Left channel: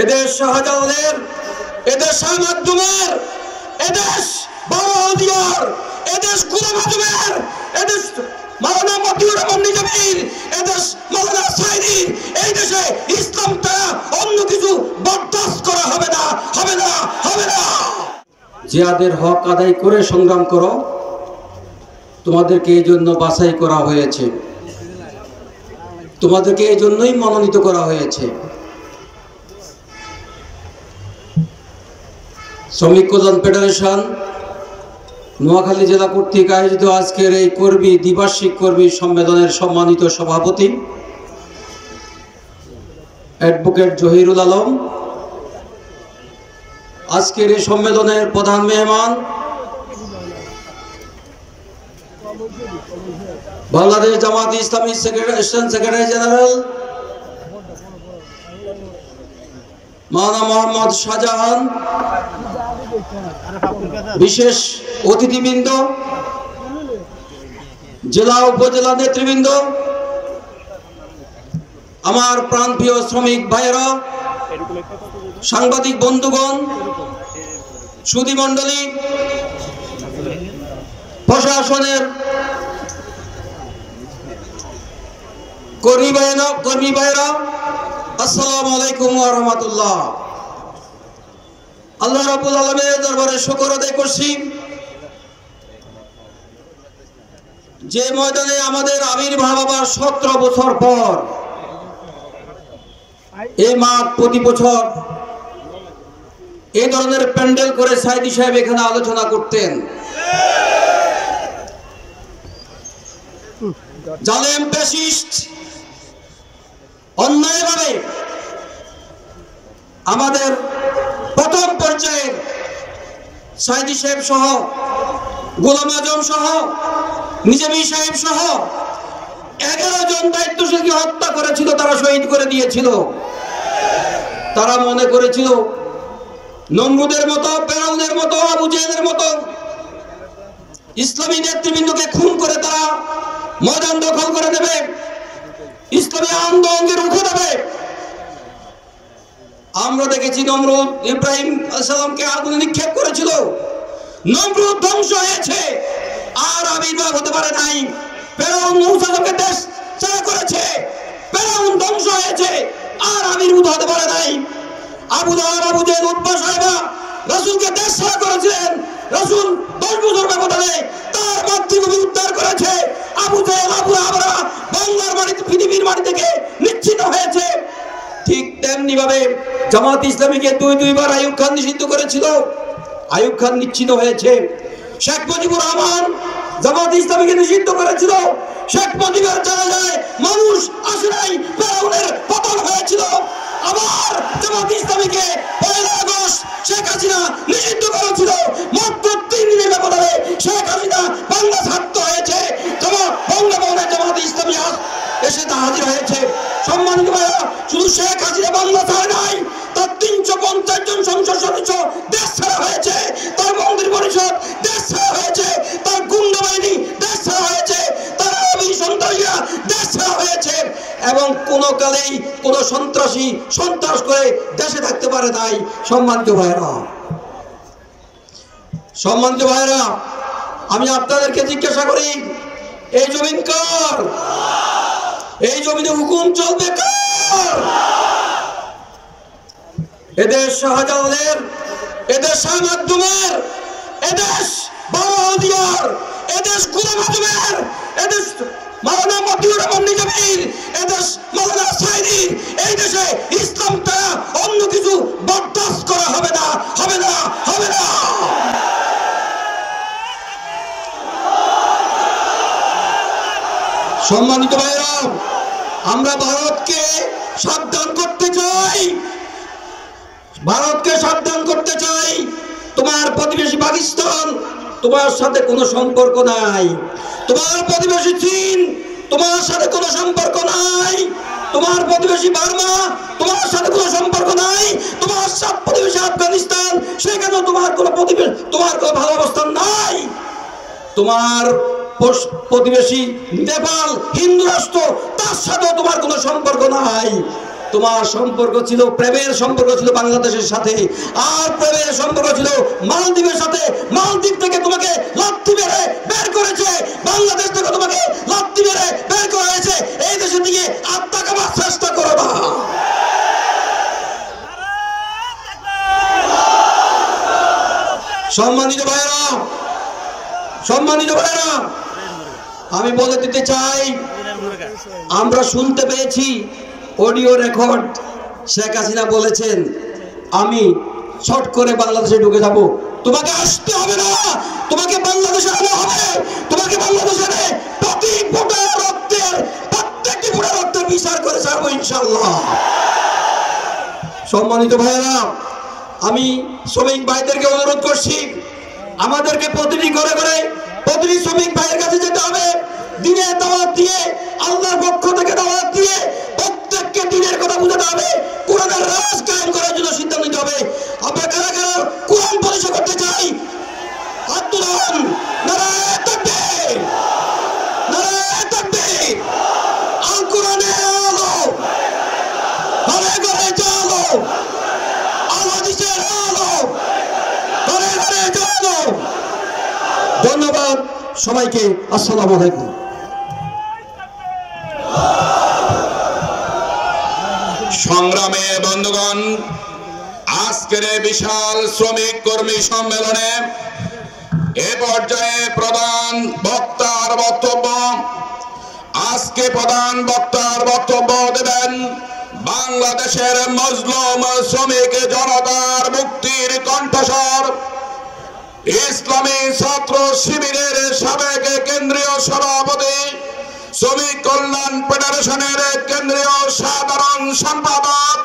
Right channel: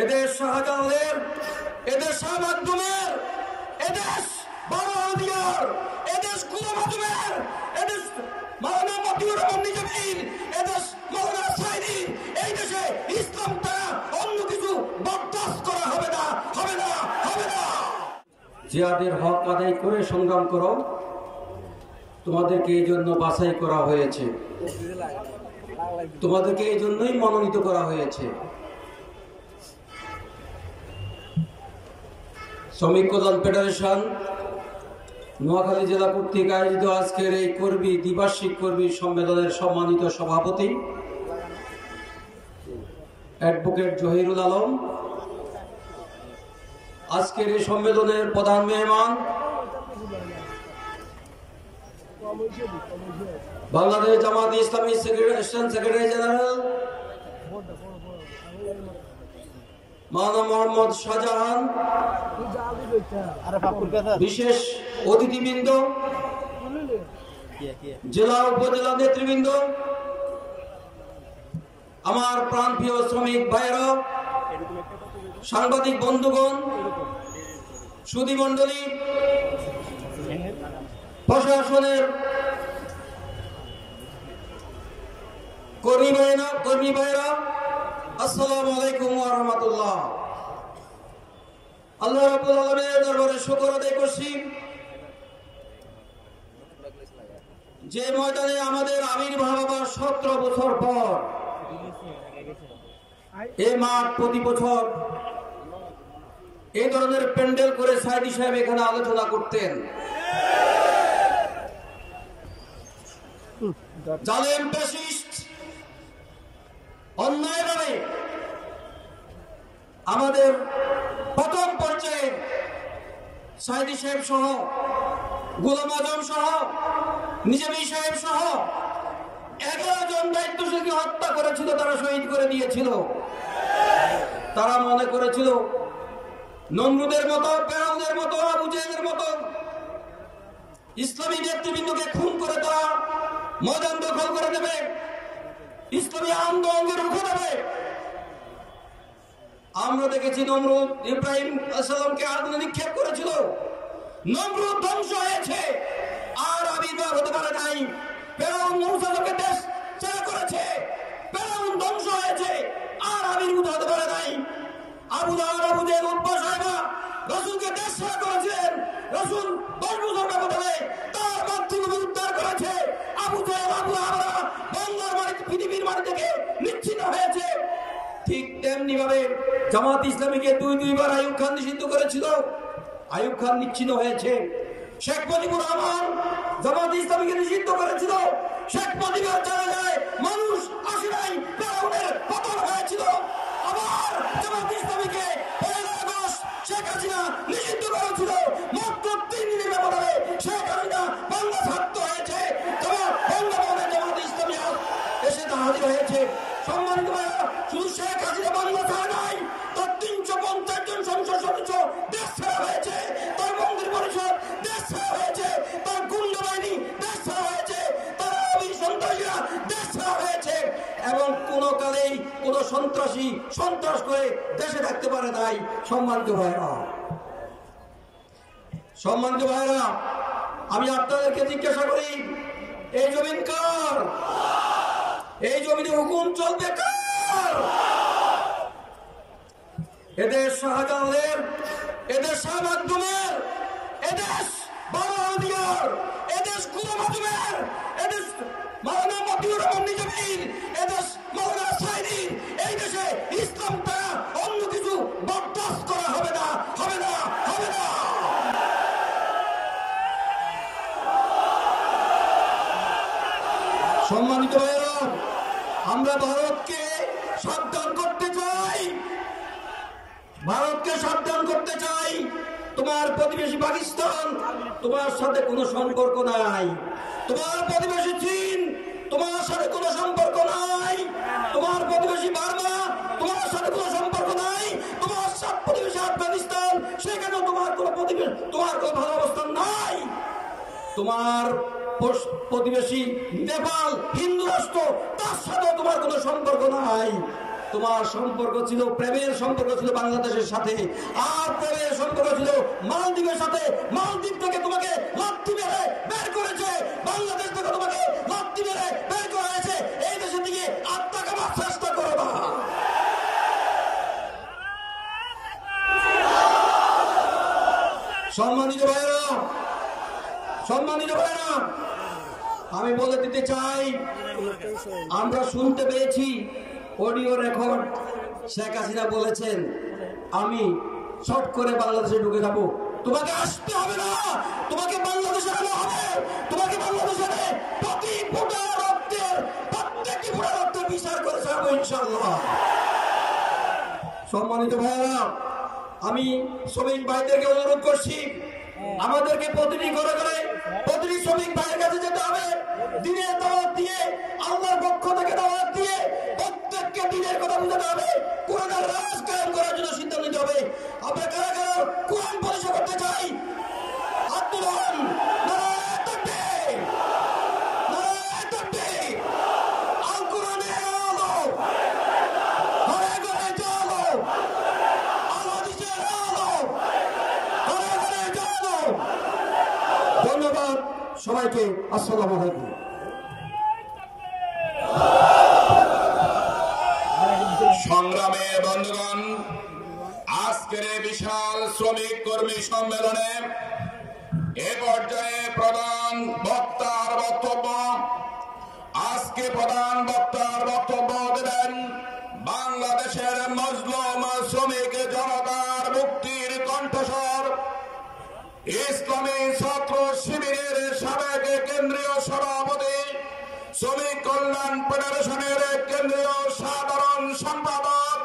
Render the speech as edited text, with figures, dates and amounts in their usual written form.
এদেশ শাহজালালের, এদেশ শাহ মাকদুমের, এদেশ বাংলাদেশের, এদেশ গোলাম আজমের, এদেশ মাওলানা মতিউর রহমান নিজামীর, এদেশ মাওলানা সাইদির, এই দেশে ইসলামটা অন্য কিছু বরদাস্ত করা হবে না, হবে না, হবে না। জিহাদের হক আদায় করে সংগ্রাম করো, তোমাদেরকে এই জন্য বাছাই করা হয়েছে, তোমাদেরকে এই জন্যই মনোনীত করা হয়েছে। শ্রমিক কল্যাণ ফেডারেশন নোয়াখালী জেলা কর্তৃক আয়োজিত আজকের এই দ্বিবার্ষিক কর্মী সম্মেলনের সম্মানিত সভাপতি অ্যাডভোকেট জহিরুল আলম, আজকের এই সম্মেলনের প্রধান মেহমান বাংলাদেশ জামাত ইসলামী সেক্রেটারি জেনারেল মাওলানা মোহাম্মদ শাহজাহান, বিশেষ অতিথিবৃন্দ, জেলা উপজেলা নেতৃবৃন্দ, আমার প্রাণপ্রিয় শ্রমিক ভাইয়েরা, সাংবাদিক বন্ধুগণ, সুধী মণ্ডলী, প্রশাসনের কর্মী ভাইয়েরা, আসসালামু আলাইকুম ওয়া রাহমাতুল্লাহ। আল্লাহ রাব্বুল আলামিনের দরবারে শুকর আদায় করছি, যে ময়দানে আমাদের আবির্ভাব আবার 17 বছর পর এই মাঠ প্রতি বছর এই ধরনের প্যান্ডেল করে সাইদি সাহেব এখানে আলোচনা করতেন। জালেম ফ্যাসিস্ট অন্যায়ভাবে আমাদের প্রথম পর্যায়ের সাইদি সাহেব সহ, গোলাম আজম সহ, নিজামী সাহেব সহ 11 জন দায়িত্বশীলকে হত্যা করেছিল, তারা শহীদ করে দিয়েছিল। তারা মনে করেছিল নমরুদের মতো, ফেরাউনের মতো, আবু জেহেলের মতো ইসলামী নেতৃবৃন্দকে খুন করে তারা ময়দান দখল করে দেবে, ইসলামী আন্দোলনকে রুখে দেবে। আমরা দেখেছি নমরুদ ইব্রাহিম আলাইহিস সালামকে আগুনে নিক্ষেপ করেছিল, নমরুদ ধ্বংস হয়েছে, আর আবির্ভাব হতে পারে নাই। ফেরাউন মূসাকে দেশ ছাড়া করেছে, ফেরাউন ধ্বংস হয়েছে, আর আবির্ভূত হতে পারে নাই। আবু লাহাব, আবু জেহেল, উতবা সাহেবা রাসূলকে দেশ ছাড়া করেছিলেন, রাসূল 10 বছর ব্যবধানে তার মাতৃভূমি উদ্ধার করেছে। আবু জেহেল, আবু লাহাবরা বাংলার মাটিতে, পৃথিবীর মাটি থেকে নিশ্চিত হয়েছে। ঠিক তেমনি ভাবে জামাত ইসলামীকে দুইবার আইয়ুব খান নিষিদ্ধ করেছিল, আইয়ুব খান নিশ্চিত হয়েছে। শেখ মুজিবুর রহমান জামাত ইসলামীকে নিষিদ্ধ করেছিল, শেখ মুজিবের জানাজায় মানুষ আসে নাই, ফেরাউনের পতন হয়েছিল। আবার জামাত ইসলামীকে 1 আগস্ট শেখ হাসিনা নিষিদ্ধ করেছিল, মাত্র 3 দিনের ব্যবধানে শেখ হাসিনা বাংলা ছাড়তে হয়েছে। বঙ্গভবনে জামাত ইসলামী এসে হাজির হয়েছে। সম্মানিত ভাইরা, শুধু শেখ হাসিনা বাংলা ছাড়ে নাই, তার 350 জন সংসদ সদস্য দেশ ছাড়া হয়েছে, তার মন্ত্রী পরিষদ দেশ ছাড়া হয়েছে, তার গুন্ডা বাহিনী দেশ ছাড়া হয়েছে, তার আওয়ামী সন্ত্রাসীরা দেশ ছাড়া হয়েছে, এবং কোন কালেই কোন সন্ত্রাসী সন্ত্রাস করে দেশে থাকতে পারে নাই। সম্মানিত ভাইরা, আমি আপনাদেরকে জিজ্ঞাসা করি, এই জমিন কার? এই জমিনে হুকুম চলবে কার? এদেশ শাহজালালের, এদেশ শাহ মাকদুমের, এদেশ বাংলাদেশের, এদেশ গোলাম আজমের, এদেশ মাওলানা মতিউর রহমান নিজামীর, এদেশ মাওলানা সাইদির, এই দেশে ইসলামটা অন্য কিছু বরদাস্ত করা হবে না, হবে না, হবে না। সম্মানিত ভাইরা, আমরা ভারতকে সাবধান করতে চাই, ভারতকে সাবধান করতে চাই। তোমার প্রতিবেশী পাকিস্তান তোমার সাথে কোনো সম্পর্ক নাই, তোমার প্রতিবেশী চীন তোমার সাথে কোনো সম্পর্ক নাই, তোমার প্রতিবেশী বার্মা তোমার সাথে কোনো সম্পর্ক নাই, তোমার সব প্রতিবেশী আফগানিস্তান, সেখানে তোমার কোনো ভালো অবস্থান নাই। তোমার প্রতিবেশী নেপাল হিন্দু রাষ্ট্র, তার সাথে তোমার কোনো সম্পর্ক নাই। তোমার সম্পর্ক ছিল, প্রেমের সম্পর্ক ছিল বাংলাদেশের সাথে, আর প্রেমের সম্পর্ক ছিল মালদ্বীপের সাথে। মালদ্বীপ থেকে তোমাকে লাথি মেরে বের করেছে, বাংলাদেশ থেকে তোমাকে লাথি মেরে বের করা হয়েছে। এই দেশের দিকে আত্মা কামার চেষ্টা করো না। সম্মানিত ভাইরা, সম্মানিত ভাইরা, আমি বলে দিতে চাই, আমরা শুনতে পেয়েছি অডিও রেকর্ড, শেখ হাসিনা বলেছেন আমি শর্ট করে বাংলাদেশে ঢুকে যাব। তোমাকে আসতে হবে না, তোমাকে বাংলাদেশে আনা হবে, তোমাকে বাংলাদেশের প্রতি ফোঁটা রক্তের, প্রত্যেকটি ফোঁটা রক্তের বিচার করে ছাড়বো ইনশাআল্লাহ। সম্মানিত ভাইয়েরা, আমি শ্রমিক ভাইদেরকে অনুরোধ করছি, আমাদেরকে প্রতিটি ঘরে ঘরে প্রতিটি শ্রমিক ভাইয়ের কাছে যেতে হবে, দিনের দাওয়াত দিয়ে, আল্লাহর পক্ষ থেকে দাওয়াত দিয়ে প্রত্যেককে দিনের কথা বুঝাতে হবে, কোরআনের রাজ কায়েম করার জন্য সিদ্ধান্ত নিতে হবে। আমরা কারা কারা কোরআন পরিচয় করতে চাই? হাত তুলুন। নারায়ে তাকবীর, নারায়ে তাকবীর। আল কোরআনের আলো ঘরে ঘরে জ্বালো, আল হাদিসের আলো ঘরে ঘরে জ্বালো। ধন্যবাদ সবাইকে, আসসালামু আলাইকুম। সংগ্রামে বন্ধুগণ, আজকের বিশাল শ্রমিক কর্মী সম্মেলনে এ পর্যায়ে প্রধান বক্তার বক্তব্য, আজকে প্রধান বক্তার বক্তব্য দেবেন বাংলাদেশের মজলুম শ্রমিক জনতার মুক্তির কণ্ঠস্বর, ইসলামী ছাত্র শিবিরের সাবেক কেন্দ্রীয় সভাপতি, শ্রমিক কল্যাণ ফেডারেশনের কেন্দ্রীয় সাধারণ সম্পাদক